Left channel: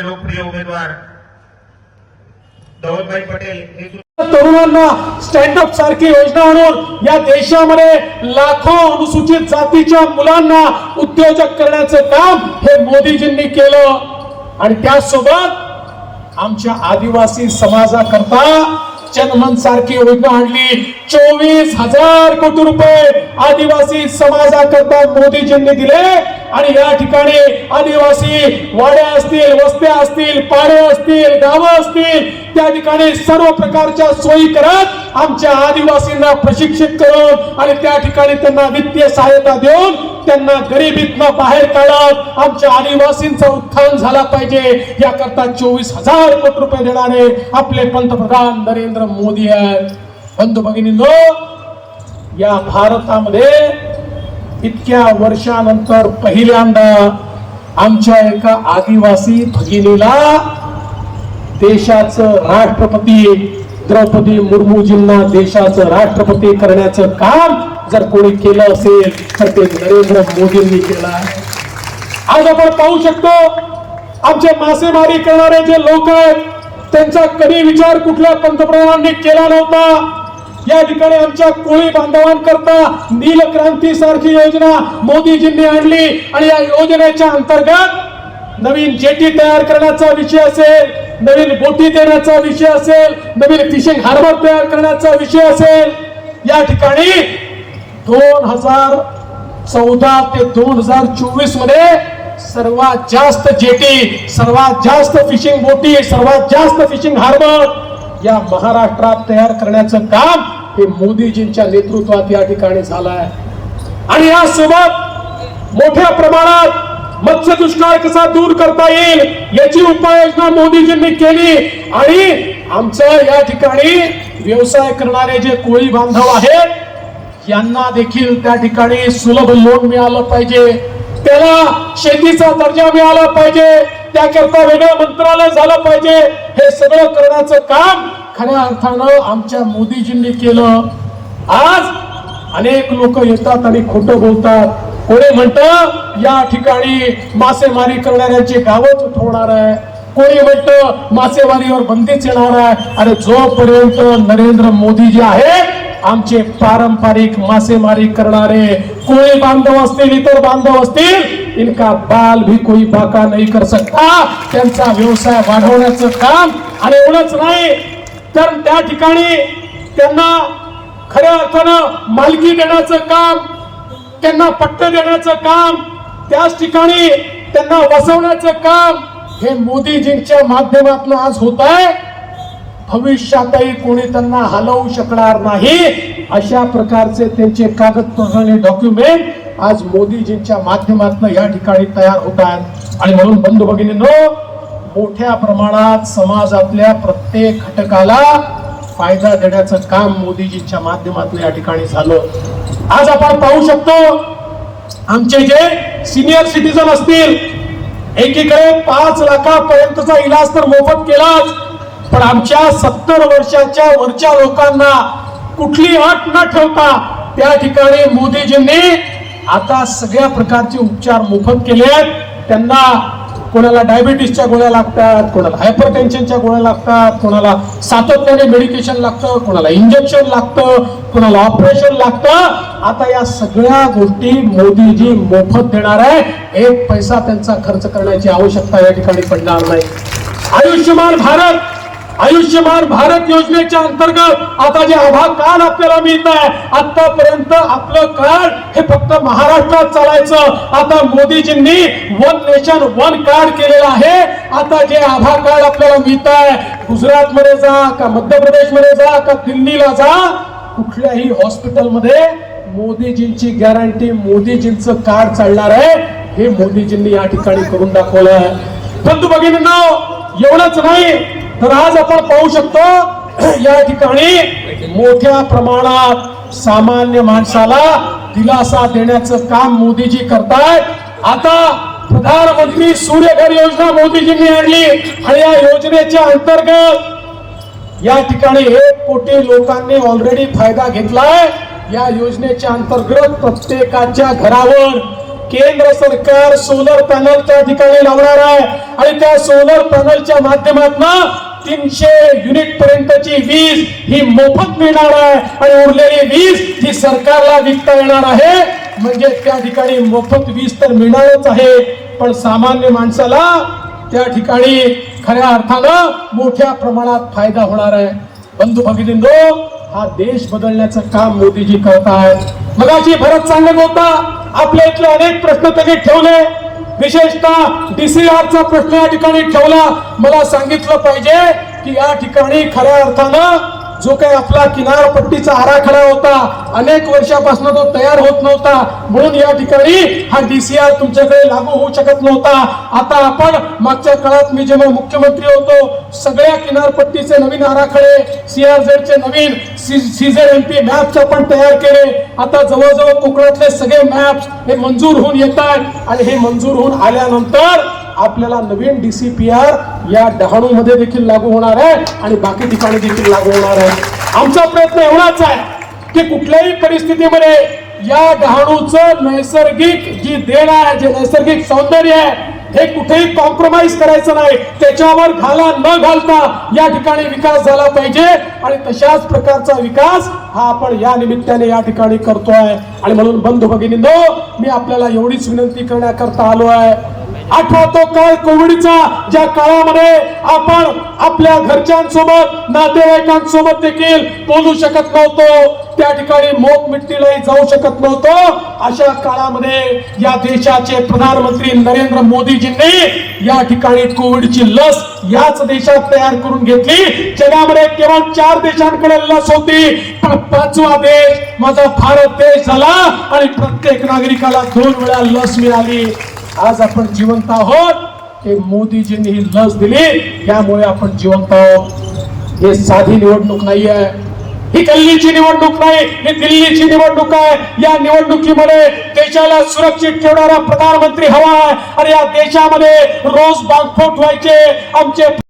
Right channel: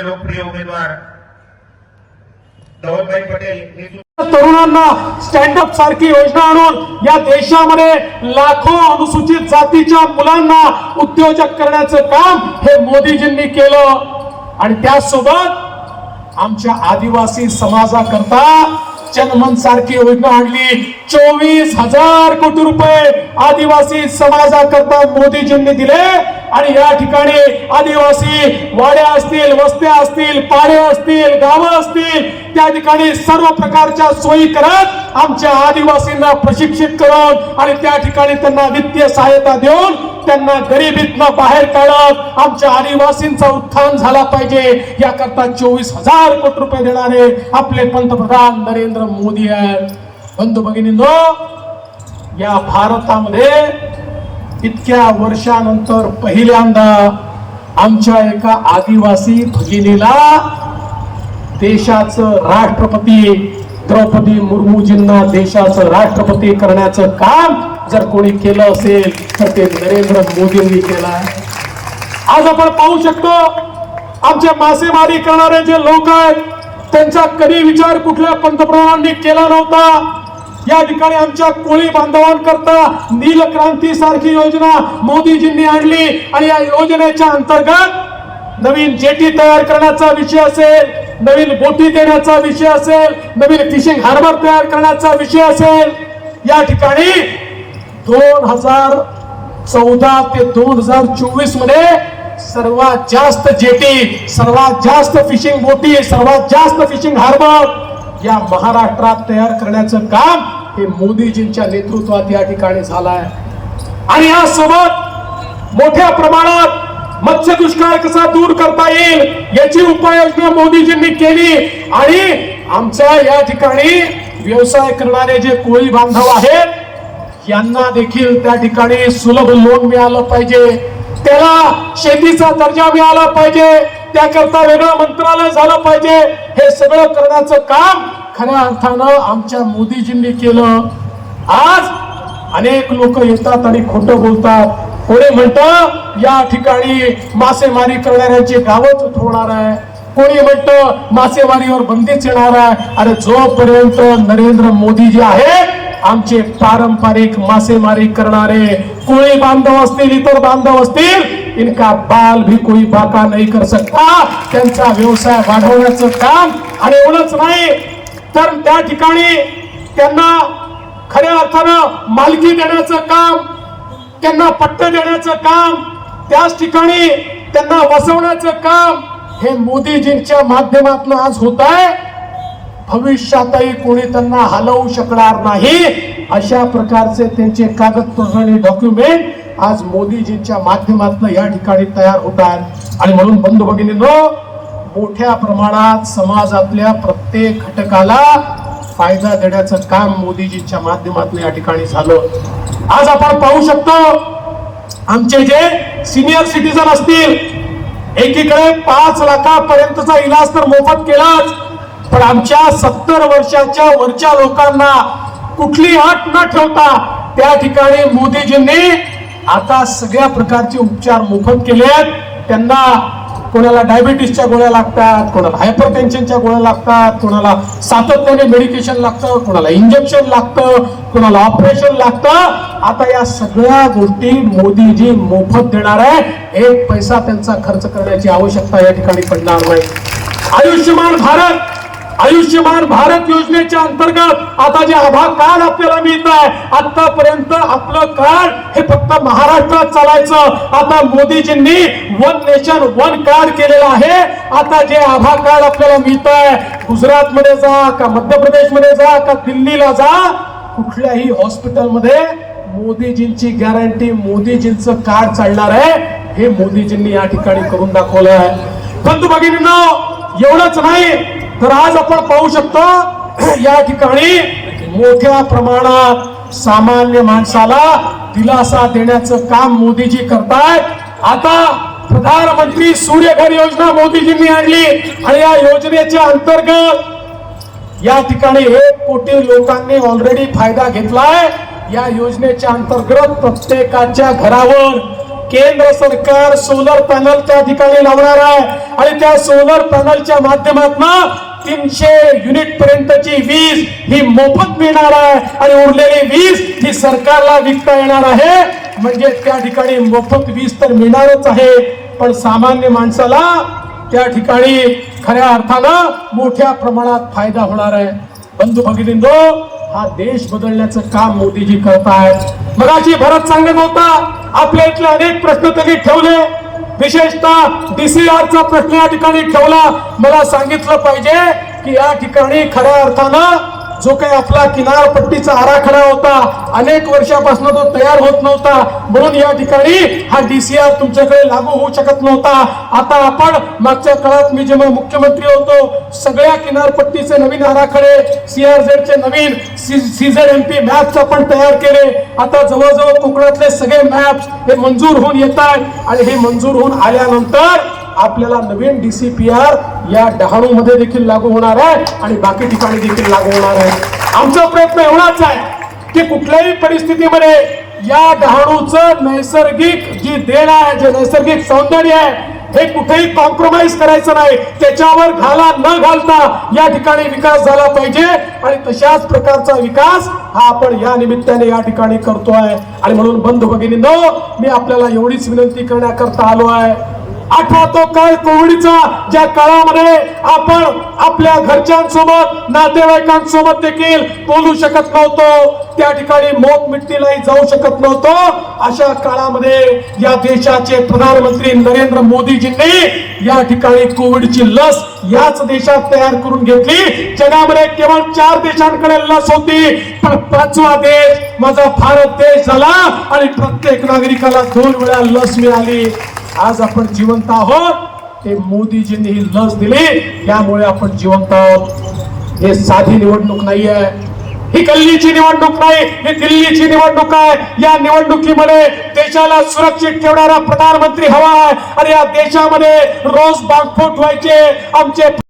आमचे लोकप्रिय उमेदवार धवलभाई पटेल हे तरुणांना स्टँडअप सारखी योजना आणून या देशामध्ये लाखो अनुसूचित जातीच्या मुलांना उद्योजक करण्याचं काम हे मोदीजींनी केलं। आणि त्यासोबत आमच्या आदिवासी समाजाकरता जनमन सारखी योजना आणली। 24,000 कोटी रुपये आदिवासी समाजाकरता मोदीजींनी दिले। आणि या ठिकाणी आदिवासी वाड्या असतील, वस्त्या असतील, पाडे असतील, गावं असतील, त्या ठिकाणी सर्व प्रकारच्या सोयी करत आमच्या आदिवासींना प्रशिक्षित करून आणि त्या ठिकाणी त्यांना वित्तीय सहायता देऊन त्यांना गरिबीतनं बाहेर काढत आमच्या आदिवासींचं उत्थान झाला पाहिजे याकरता 24,000 कोटी रुपये देणारे आपले पंतप्रधान नरेंद्र मोदी आहेत। बंधू भगिनींनो, या भारतामध्ये इतक्या वर्षानंतर पहिल्यांदा आमच्या एका आदिवासी भगिनीला देशाचं राष्ट्रपती द्रौपदी मुर्मूजींना देशाचं राष्ट्रपती करण्याचं काम जर कोणी केलं असेल तर ते नरेंद्र मोदींनी केलं आहे। आज आपण पाहू शकतो आमचे मासेमारी करणारे जे लोक आहेत त्यांचा कधी विचार कुठल्या पंतप्रधानांनी केला नव्हता। या ठिकाणी आमच्या कोळी बांधवांकरता नील क्रांती सारखी योजना मोदीजींनी आणली आणि या योजनेच्या अंतर्गत नवीन जेटी तयार करण्याचा विषय असेल, नवीन बोटी देण्याचा विषय असेल, नवीन फिशिंग हार्बर तयार करण्याचा विषय असेल, या ठिकाणी 2014 ते 2024 मध्ये सर्वात जास्त जेटी, सर्वात जास्त फिशिंग बोटी, सर्वात जास्त फिशिंग हार्बर या महाराष्ट्रात तयार करण्याचं काम हे मोदीजींच्या नेतृत्वात या ठिकाणी झालं आहे। आणि यासोबत मोठ्या प्रमाणात मत्स्य दुष्काळ कसा दूर करता येईल याची उपाययोजना मोदीजींनी केली। आणि आमच्या या ठिकाणी व्यवसाय करणारे जे कोळी बांधव आहेत यांना देखील त्या ठिकाणी सुलभ लोन मिळालं पाहिजे, त्याला शेतीचा दर्जा मिळाला पाहिजे, त्याकरता वेगळं मंत्रालय झालं पाहिजे। हे सगळं करण्याचं काम खऱ्या अर्थानं आमच्या मोदीजींनी केलं। आज अनेक लोक येतात आणि खोटं बोलतात। कोणी म्हणतं या ठिकाणी मासेमारी करणाऱ्यांची गावच उठवणार आहे, कोणी म्हणतं मासेमारीवर बंदीच येणार आहे। आणि जोपर्यंत नरेंद्र मोदी जे आहे आमचे पारंपरिक मासेमारी करणारे कोळी बांधव असतील, इतर बांधव असतील, इनका बाल भी कोई बाका नहीं कर सकता। त्यांचा व्यवसाय वाढवण्याचं काम आणि एवढंच नाही तर त्या ठिकाणी त्यांना खऱ्या अर्थानं मालकी देण्याचं काम, त्यांना पट्टे देण्याचं काम, त्याच ठिकाणी त्यांना वसवण्याचं काम हे मोदीजींच्या माध्यमातून आज होत आहे। भविष्यातही कोणी त्यांना हलवू शकणार नाही अशा प्रकारचे त्यांचे कागदपत्र आणि डॉक्युमेंट आज मोदीजींच्या माध्यमातून या ठिकाणी तयार होत आहेत। आणि म्हणून बंधू भगिनींनो, मोठ्या प्रमाणात समाजातल्या प्रत्येक घटकाला फायदा देण्याचं काम मोदीजींच्या माध्यमातून या ठिकाणी झालं। आज आपण पाहू शकतो आमचे जे सिनियर सिटीजन असतील, एकीकडे 5 लाखापर्यंतचा इलाज तर मोफत केलाच, पण आमच्या 70 वर्षाच्या वरच्या लोकांना कुठली अट न ठेवता त्या ठिकाणी मोदीजींनी आता सगळ्या प्रकारचे उपचार मोफत केले आहेत। त्यांना कोणाला डायबिटीसच्या गोळ्या लागतात, कोणाला हायपरटेन्शनच्या गोळ्या लागतात, कोणाला सातत्याने मेडिकेशन लागतं, कोणाला इंजेक्शन लागतं, कोणाला ऑपरेशन लागतं। आता या सगळ्या गोष्टी मोदीजी मोफत देणार आहे। एक पैसा त्यांचा खर्च करण्याची आवश्यकता या ठिकाणी पडणार नाही। आयुष्यमान भारत योजनेच्या अंतर्गत आता जे आभा कार्ड आपल्याला मिळत आहे, आतापर्यंत आपलं कार्ड हे फक्त महाराष्ट्रात चालायचं, आता मोदीजींनी वन नेशन वन कार्ड केलेलं आहे। आता जे आभा कार्ड आपल्याला मिळत आहे, गुजरात मध्ये जा का मध्य प्रदेश मध्ये जा का दिल्लीला जा, कुठल्याही हॉस्पिटलमध्ये मोदीजींची गॅरंटी, मोदीजींचं कार्ड चालणार आहे हे मोदीजींनी या ठिकाणी करून दाखवलं आहे। बंधू भगिनींनो, एवढंच नाही तर आज आपण पाहू शकतो या ठिकाणी मोठ्या प्रमाणात सामान्य माणसाला दिलासा देण्याचं काम मोदीजी करतायत। आता प्रधानमंत्री सूर्यघर योजना मोदीजींनी आणली आणि या योजनेच्या अंतर्गत या ठिकाणी 1 कोटी लोकांनी ऑलरेडी फायदा घेतलाय। या योजनेच्या अंतर्गत प्रत्येकाच्या घरावर केंद्र सरकार सोलर पॅनल त्या ठिकाणी लावणार आहे आणि त्या सोलर पॅनलच्या माध्यमातून 300 युनिट पर्यंतची वीज ही मोफत मिळणार आहे आणि उरलेली वीज ही सरकारला विकता येणार आहे. म्हणजे त्या ठिकाणी मोफत वीज तर मिळणारच आहे, पण सामान्य माणसाला त्या ठिकाणी खऱ्या अर्थानं मोठ्या प्रमाणात फायदा होणार आहे. बंधू भगिनींनो, हा देश बदलण्याचं काम मोदीजी करतायत. मगाशी भरत सांगत होता, आपल्या इथले अनेक प्रश्न त्यांनी ठेवले, विशेषतः DCRचा प्रश्न या ठिकाणी ठेवला. मला सांगितलं पाहिजे की या ठिकाणी खऱ्या अर्थानं जो काही आपला किनारपट्टीचा आराखडा होता, अनेक वर्षापासून तो तयार होत नव्हता, म्हणून या ठिकाणी हा DCR तुमच्याकडे लागू होऊ शकत नव्हता. आता आपण मागच्या काळात मी जेव्हा मुख्यमंत्री होतो, सगळ्या किनारपट्टीचे नवीन आराखडे, CRZ चे नवीन CZMP मॅप्स आपण तयार केले. आता जवळजवळ कोकणातले सगळे मॅप्स हे मंजूर होऊन येत आहेत आणि हे मंजूर होऊन आल्यानंतर आपल्याला नवीन DCPR या डहाणूमध्ये देखील लागू होणार आहे आणि बाकी ठिकाणी देखील लागू होणार आहे. आमचा प्रयत्न एवढाच आहे की कुठल्याही परिस्थितीमध्ये या डहाणूचं नैसर्गिक जी देण आहे, जे नैसर्गिक सौंदर्य आहे, हे कुठेही कॉम्प्रोमाइज करायचं नाही. त्याच्यावर घाला न घालता या ठिकाणी विकास झाला पाहिजे आणि तशाच प्रकारचा विकास हा आपण या निमित्ताने या ठिकाणी करतोय. आणि म्हणून बंधू भगिनींनो, मी आपल्याला एवढीच विनंती करण्याकरता आलो आहे. आठवतो काळ कोविडचा, ज्या काळामध्ये आपण आपल्या घरच्यांसोबत, नातेवाईकांसोबत देखील बोलू शकत नव्हतो, त्या ठिकाणी मोत मिट्टीलाही जाऊ शकत नव्हतो. अशा काळामध्ये या देशाचे प्रधानमंत्री नरेंद्र मोदीजींनी या ठिकाणी कोविडची लस याच देशात तयार करून घेतली. जगामध्ये केवळ 4 देशांकडे लस होती, पण 5वा देश माझा भारत देश झाला आणि प्रत्येक नागरिकाला 2 वेळा लस मिळाली. आज आपण जिवंत आहोत, हे मोदीजींनी ही लस दिली, त्यामुळे आपण जिवंत आहोत. हे साधी निवडणूक नाहीये, ही गल्लीची निवडणूक नाही, ही दिल्लीची निवडणूक आहे. या निवडणुकीमध्ये देशाला सुरक्षित ठेवणारा प्रधानमंत्री हवा आहे आणि या देशामध्ये रोज बॉम्बस्फोट व्हायचे, आमचे